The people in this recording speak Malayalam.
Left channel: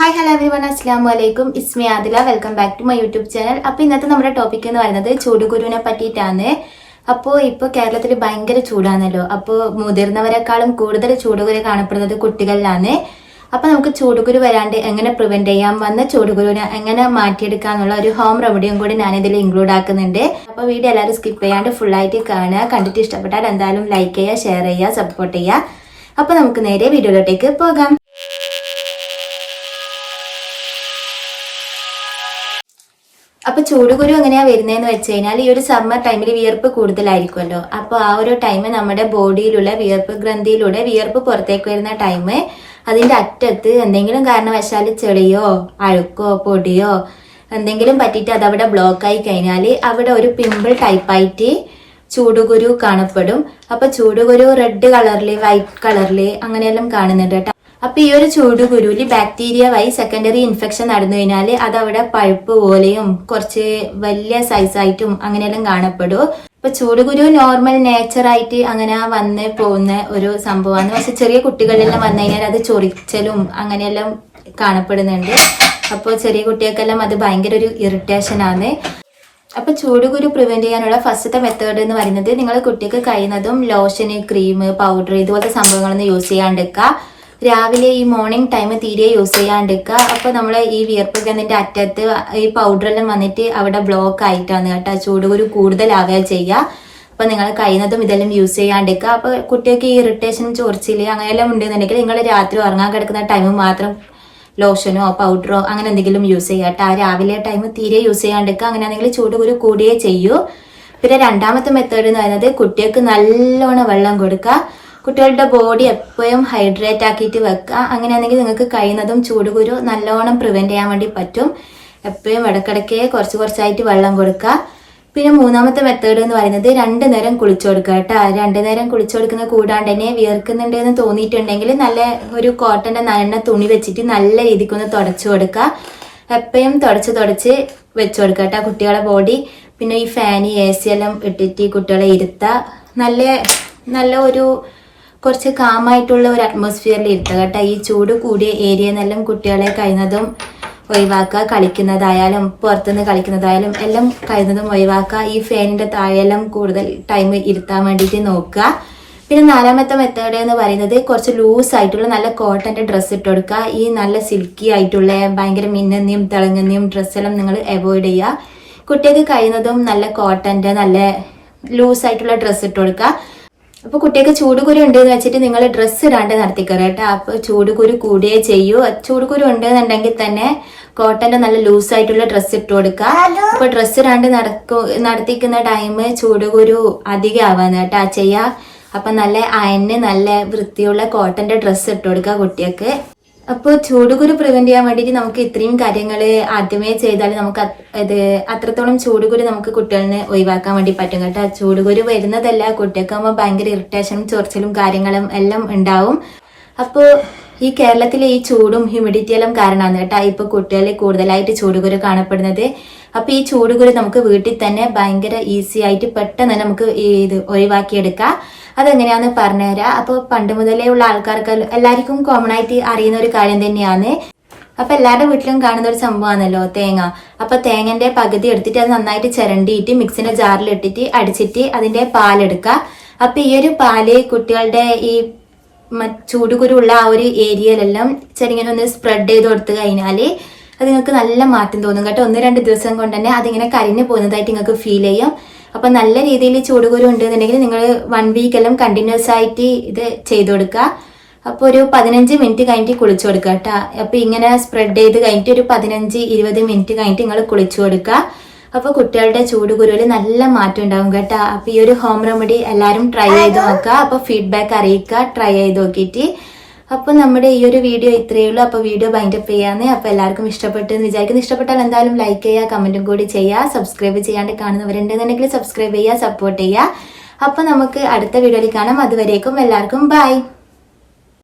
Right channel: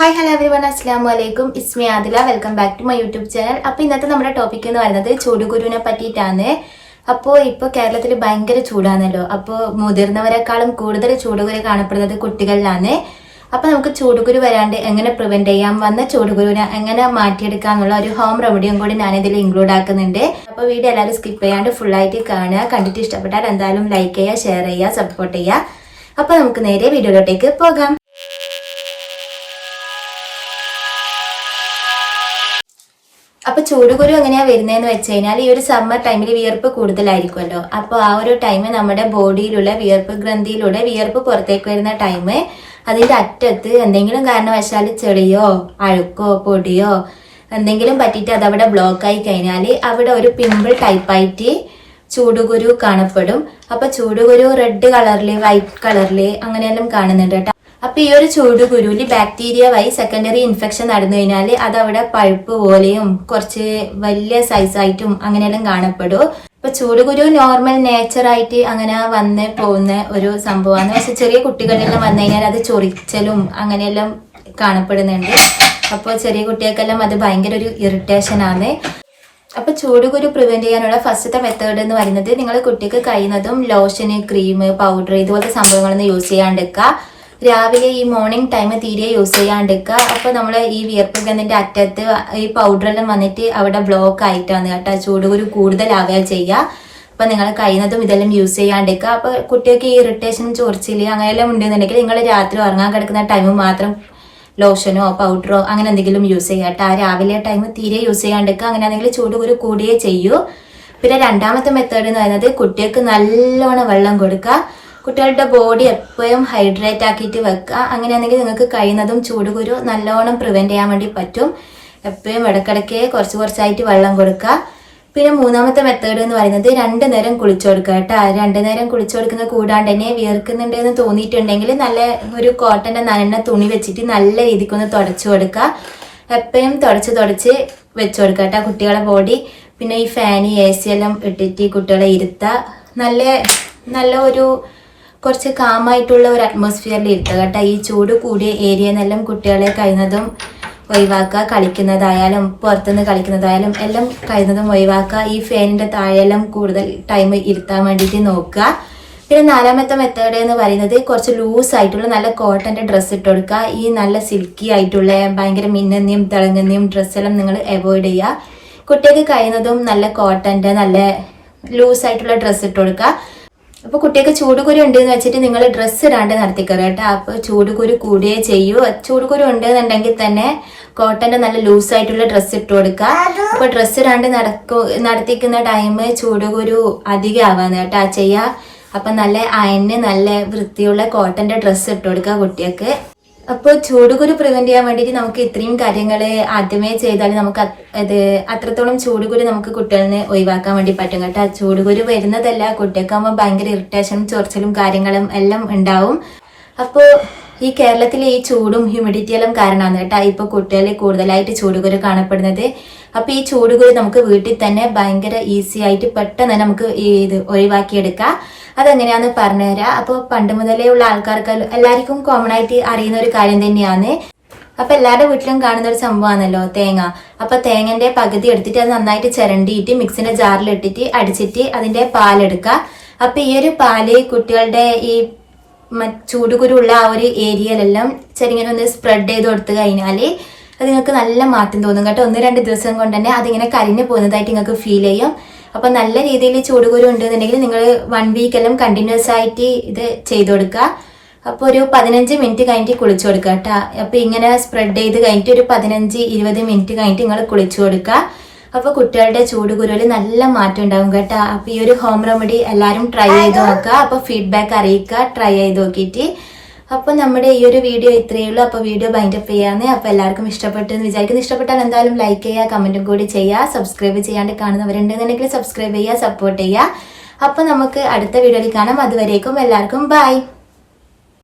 ഹായ് ഹലോ എവരിവൺ, അസ്സലാമു അലൈക്കും. ഇസ്മി Adila. Welcome back to my YouTube channel. അപ്പോൾ ഇന്നത്തെ നമ്മുടെ ടോപ്പിക് എന്ന് പറയുന്നത് ചൂടുകുരുവിനെ പറ്റിയിട്ടാണ്. ഇപ്പോൾ കേരളത്തിൽ ഭയങ്കര ചൂടാണല്ലോ. അപ്പോൾ മുതിർന്നവരെക്കാളും കൂടുതൽ ചൂടുകുരു കാണപ്പെടുന്നത് കുട്ടികളിലാണ്. അപ്പോൾ നമുക്ക് ചൂടുകുരു വരാണ്ട് എങ്ങനെ പ്രിവെന്റ് ചെയ്യാം, വന്ന ചൂടുകുരുവിനെ എങ്ങനെ മാറ്റിയെടുക്കാന്നുള്ള ഒരു ഹോം റെമഡിയും കൂടി ഞാനിതിൽ ഇൻക്ലൂഡ് ആക്കുന്നുണ്ട്. അപ്പോൾ വീഡിയോ എല്ലാവരും സ്കിപ്പ് ചെയ്യാണ്ട് ഫുള്ളായിട്ട് കാണുക. കണ്ടിട്ട് ഇഷ്ടപ്പെട്ടാൽ എന്തായാലും ലൈക്ക് ചെയ്യുക, ഷെയർ ചെയ്യുക, സപ്പോർട്ട് ചെയ്യുക. അപ്പോൾ നമുക്ക് നേരെ വീഡിയോയിലോട്ടേക്ക് പോകാം. അപ്പോൾ ചൂടുകുരു എങ്ങനെയാ വരുന്നതെന്ന് വെച്ച് കഴിഞ്ഞാൽ ഈ ഒരു സമ്മർ ടൈമിൽ വിയർപ്പ് കൂടുതലായിരിക്കുമല്ലോ. അപ്പോൾ ആ ഒരു ടൈം നമ്മുടെ ബോഡിയിലുള്ള വിയർപ്പ് ഗ്രന്ഥിയിലൂടെ വിയർപ്പ് പുറത്തേക്ക് വരുന്ന ടൈം അതിന്റെ അറ്റത്ത് എന്തെങ്കിലും കാരണവശാൽ ചെളിയോ അഴുക്കോ പൊടിയോ എന്തെങ്കിലും പറ്റിയിട്ട് അതവിടെ ബ്ലോക്ക് ആയി കഴിഞ്ഞാൽ അവിടെ ഒരു പിമ്പിൾ ടൈപ്പായിട്ട് ചൂടുകുരു കാണപ്പെടും. അപ്പൊ ചൂടുകുരു റെഡ് കളറില് വൈറ്റ് കളറില് അങ്ങനെയെല്ലാം കാണുന്നുണ്ട് കേട്ടോ. അപ്പൊ ഈ ഒരു ചൂടുകുരുവിൽ ബാക്ടീരിയ വഴി സെക്കൻഡറി ഇൻഫെക്ഷൻ നടന്നു കഴിഞ്ഞാൽ അതവിടെ പഴുപ്പ് പോലെയും കുറച്ച് വലിയ സൈസായിട്ടും അങ്ങനെയെല്ലാം കാണപ്പെടും. ഇപ്പൊ ചൂടുകുരു നോർമൽ നേച്ചറായിട്ട് അങ്ങനെ വന്ന് പോകുന്ന ഒരു സംഭവമാണ്. പക്ഷെ ചെറിയ കുട്ടികളിലെല്ലാം വന്നു കഴിഞ്ഞാൽ അത് ചൊറിച്ചലും അങ്ങനെയെല്ലാം കാണപ്പെടുന്നുണ്ട്. അപ്പോൾ ചെറിയ കുട്ടികൾക്കെല്ലാം അത് ഭയങ്കര ഒരു ഇറിറ്റേഷൻ ആണ്. അപ്പൊ ചൂടുകുരു പ്രിവെന്റ് ചെയ്യാനുള്ള ഫസ്റ്റത്തെ മെത്തേഡ് എന്ന് പറയുന്നത് നിങ്ങൾ കുട്ടിക്ക് കഴിയുന്നതും ലോഷന്, ക്രീം, പൗഡർ ഇതുപോലത്തെ സംഭവങ്ങളൊന്നും യൂസ് ചെയ്യാണ്ടിരിക്കുക. രാവിലെ ഈ മോർണിംഗ് ടൈം തീരെ യൂസ് ചെയ്യാണ്ടിരിക്കുക. അപ്പൊ നമ്മൾ ഈ വിയർപ്പ് ഗ്രന്ഥിന്റെ അറ്റത്ത് ഈ പൗഡറെല്ലാം വന്നിട്ട് അവിടെ ബ്ലോക്ക് ആയിട്ടാണ് കേട്ടോ ചൂടുകുരു കൂടുതലാവുക ചെയ്യുക. അപ്പൊ നിങ്ങൾ കഴിയുന്നതും ഇതെല്ലാം യൂസ് ചെയ്യാണ്ടിരിക്കുക. അപ്പൊ കുട്ടികൾക്ക് ഈ ഇറിറ്റേഷനും ചൊറിച്ചില് അങ്ങനെയെല്ലാം ഉണ്ടെന്നുണ്ടെങ്കിൽ നിങ്ങൾ രാത്രി ഉറങ്ങാൻ കിടക്കുന്ന ടൈം മാത്രം ലോഷനോ പൗഡറോ അങ്ങനെ എന്തെങ്കിലും യൂസ് ചെയ്യാം കേട്ടോ. രാവിലെ ടൈം തീരെ യൂസ് ചെയ്യാണ്ടിരിക്കുക. അങ്ങനെയാണെങ്കിൽ ചൂടുകുരു കൂടിയേ ചെയ്യൂ. പിന്നെ രണ്ടാമത്തെ മെത്തേഡ് എന്ന് പറയുന്നത് കുട്ടികൾക്ക് നല്ലോണം വെള്ളം കൊടുക്കുക. കുട്ടികളുടെ ബോഡി എപ്പോഴും ഹൈഡ്രേറ്റ് ആക്കിയിട്ട് വെക്കുക. അങ്ങനെയാണെങ്കിൽ നിങ്ങൾക്ക് കഴിയുന്നതും ചൂടുകുരു നല്ലോണം പ്രിവെന്റ് ചെയ്യാൻ വേണ്ടി പറ്റും. എപ്പോഴും ഇടയ്ക്കിടയ്ക്ക് കുറച്ചായിട്ട് വെള്ളം കൊടുക്കുക. പിന്നെ മൂന്നാമത്തെ മെത്തേഡ് എന്ന് പറയുന്നത് 2 നേരം കുളിച്ചു കൊടുക്കുക കേട്ടോ. 2 നേരം കുളിച്ചു കൊടുക്കുന്നത് കൂടാണ്ട് തന്നെ വിയർക്കുന്നുണ്ട് എന്ന് തോന്നിയിട്ടുണ്ടെങ്കിൽ നല്ല ഒരു കോട്ടന്റെ നനഞ്ഞ തുണി വെച്ചിട്ട് നല്ല രീതിക്കൊന്ന് തുടച്ചു കൊടുക്കുക. എപ്പോഴും തുടച്ച് വെച്ചു കൊടുക്കുക കേട്ടോ കുട്ടികളെ ബോഡി. പിന്നെ ഈ ഫാന് AC എല്ലാം ഇട്ടിട്ട് കുട്ടികളെ ഇരുത്തുക. നല്ല ഒരു കുറച്ച് കാമായിട്ടുള്ള ഒരു അറ്റ്മോസ്ഫിയറിൽ ഇരുത്തുക കേട്ടോ. ഈ ചൂട് കൂടിയ ഏരിയയെന്നെല്ലാം കുട്ടികളെ കഴിയുന്നതും ഒഴിവാക്കുക. കളിക്കുന്നതായാലും പുറത്തുനിന്ന് കളിക്കുന്നതായാലും എല്ലാം കഴിയുന്നതും ഒഴിവാക്കുക. ഈ ഫാനിന്റെ താഴെല്ലാം കൂടുതൽ ടൈം ഇരുത്താൻ വേണ്ടിയിട്ട് നോക്കുക. പിന്നെ നാലാമത്തെ മെത്തേഡ് എന്ന് പറയുന്നത് കുറച്ച് ലൂസ് ആയിട്ടുള്ള നല്ല കോട്ടന്റെ ഡ്രസ്സ് ഇട്ട് കൊടുക്കുക. ഈ നല്ല സിൽക്കി ആയിട്ടുള്ള ഭയങ്കര മിന്നുന്നയും തിളങ്ങുന്നയും ഡ്രസ്സെല്ലാം നിങ്ങൾ അവോയ്ഡ് ചെയ്യുക. കുട്ടികൾക്ക് കഴിയുന്നതും നല്ല കോട്ടന്റെ നല്ല ലൂസ് ആയിട്ടുള്ള ഡ്രസ്സ് ഇട്ട് കൊടുക്കുക. അപ്പൊ കുട്ടികൾക്ക് ചൂടുകുരു ഉണ്ട് എന്ന് വെച്ചിട്ട് നിങ്ങൾ ഡ്രസ്സ് ഇടാണ്ട് നടത്തിക്കറ കേട്ടോ. അപ്പൊ ചൂടുകുരു കൂടിയേ ചെയ്യൂ. ചൂടുകുരു ഉണ്ടെന്നുണ്ടെങ്കിൽ തന്നെ കോട്ടന്റെ നല്ല ലൂസ് ആയിട്ടുള്ള ഡ്രസ്സ് ഇട്ട് കൊടുക്കുക. അപ്പൊ ഡ്രസ്സ് ഇടാണ്ട് നടത്തിക്കുന്ന ടൈം ചൂടുകുരു അധികം ആവാന്ന് കേട്ടോ ചെയ്യാ. അപ്പൊ നല്ല അയന് നല്ല വൃത്തിയുള്ള കോട്ടന്റെ ഡ്രസ്സ് ഇട്ട് കൊടുക്കുക കുട്ടികൾക്ക്. അപ്പോൾ ചൂടുകുരു പ്രിവെന്റ് ചെയ്യാൻ വേണ്ടിയിട്ട് നമുക്ക് ഇത്രയും കാര്യങ്ങൾ ആദ്യമേ ചെയ്താൽ നമുക്ക് അത്രത്തോളം ചൂടുകുരു നമുക്ക് കുട്ടികളിന് ഒഴിവാക്കാൻ വേണ്ടി പറ്റും കേട്ടോ. ചൂടുകുരു വരുന്നതല്ല കുട്ടികൾക്കാകുമ്പോൾ ഭയങ്കര ഇറിറ്റേഷനും ചൊറിച്ചിലും കാര്യങ്ങളും എല്ലാം ഉണ്ടാവും. അപ്പോൾ ഈ കേരളത്തിലെ ഈ ചൂടും ഹ്യൂമിഡിറ്റി എല്ലാം കാരണമാണ് കേട്ടോ ഇപ്പൊ കുട്ടികളിൽ കൂടുതലായിട്ട് ചൂടുകുരു കാണപ്പെടുന്നത്. അപ്പൊ ഈ ചൂടുകുരു നമുക്ക് വീട്ടിൽ തന്നെ ഭയങ്കര ഈസി ആയിട്ട് പെട്ടെന്ന് തന്നെ നമുക്ക് ഇത് ഒഴിവാക്കിയെടുക്കാം. അതെങ്ങനെയാന്ന് പറഞ്ഞുതരാം. അപ്പോൾ പണ്ട് മുതലേ ഉള്ള ആൾക്കാർക്ക് എല്ലാവർക്കും കോമൺ ആയിട്ട് അറിയുന്ന ഒരു കാര്യം തന്നെയാണ്. അപ്പൊ എല്ലാവരുടെ വീട്ടിലും കാണുന്ന ഒരു സംഭവമാണല്ലോ തേങ്ങ. അപ്പൊ തേങ്ങന്റെ പകുതി എടുത്തിട്ട് അത് നന്നായിട്ട് ചിരണ്ടിയിട്ട് മിക്സിന്റെ ജാറിൽ ഇട്ടിട്ട് അടിച്ചിട്ട് അതിന്റെ പാലെടുക്കുക. അപ്പൊ ഈ ഒരു പാല് കുട്ടികളുടെ ഈ ചൂടുകുരു ഉള്ള ആ ഒരു ഏരിയയിലെല്ലാം ചെറിങ്ങനെ ഒന്ന് സ്പ്രെഡ് ചെയ്ത് കൊടുത്തു കഴിഞ്ഞാല് അത് നിങ്ങൾക്ക് നല്ല മാറ്റം തോന്നും കേട്ടോ. 1-2 ദിവസം കൊണ്ട് തന്നെ അതിങ്ങനെ കരിഞ്ഞു പോകുന്നതായിട്ട് നിങ്ങൾക്ക് ഫീൽ ചെയ്യും. അപ്പൊ നല്ല രീതിയിൽ ചൂടുകുരു ഉണ്ടെന്നുണ്ടെങ്കിൽ നിങ്ങൾ 1 വീക്ക് എല്ലാം കണ്ടിന്യൂസ് ആയിട്ട് ഇത് ചെയ്തു കൊടുക്കുക. അപ്പൊ ഒരു 15 മിനിറ്റ് കഴിഞ്ഞിട്ട് കുളിച്ചു കൊടുക്കുക കേട്ടോ. അപ്പൊ ഇങ്ങനെ സ്പ്രെഡ് ചെയ്ത് കഴിഞ്ഞിട്ട് ഒരു 15-20 മിനിറ്റ് കഴിഞ്ഞിട്ട് നിങ്ങൾ കുളിച്ചു കൊടുക്കുക. അപ്പൊ കുട്ടികളുടെ ചൂടുകുരുവിൽ നല്ല മാറ്റം ഉണ്ടാവും കേട്ടോ. അപ്പൊ ഈ ഒരു ഹോം റെമഡി എല്ലാവരും ട്രൈ ചെയ്ത് നോക്കുക. അപ്പൊ ഫീഡ്ബാക്ക് അറിയിക്കുക ട്രൈ ചെയ്ത് നോക്കിയിട്ട്. അപ്പൊ നമ്മുടെ ഈ ഒരു വീഡിയോ ഇത്രയേ ഉള്ളൂ. അപ്പൊ വീഡിയോ ബൈൻഡപ്പ് ചെയ്യാന്ന്. അപ്പൊ എല്ലാവർക്കും ഇഷ്ടപ്പെട്ടു എന്ന് വിചാരിക്കുന്നു. ഇഷ്ടപ്പെട്ടാൽ എന്തായാലും ലൈക്ക് ചെയ്യുക, കമന്റും കൂടി ചെയ്യുക. സബ്സ്ക്രൈബ് ചെയ്യാണ്ട് കാണുന്നവരുണ്ടെന്നുണ്ടെങ്കിൽ സബ്സ്ക്രൈബ് ചെയ്യുക, സപ്പോർട്ട് ചെയ്യുക. അപ്പൊ നമുക്ക് അടുത്ത വീഡിയോയിൽ കാണാം. അതുവരേക്കും എല്ലാവർക്കും ബൈ.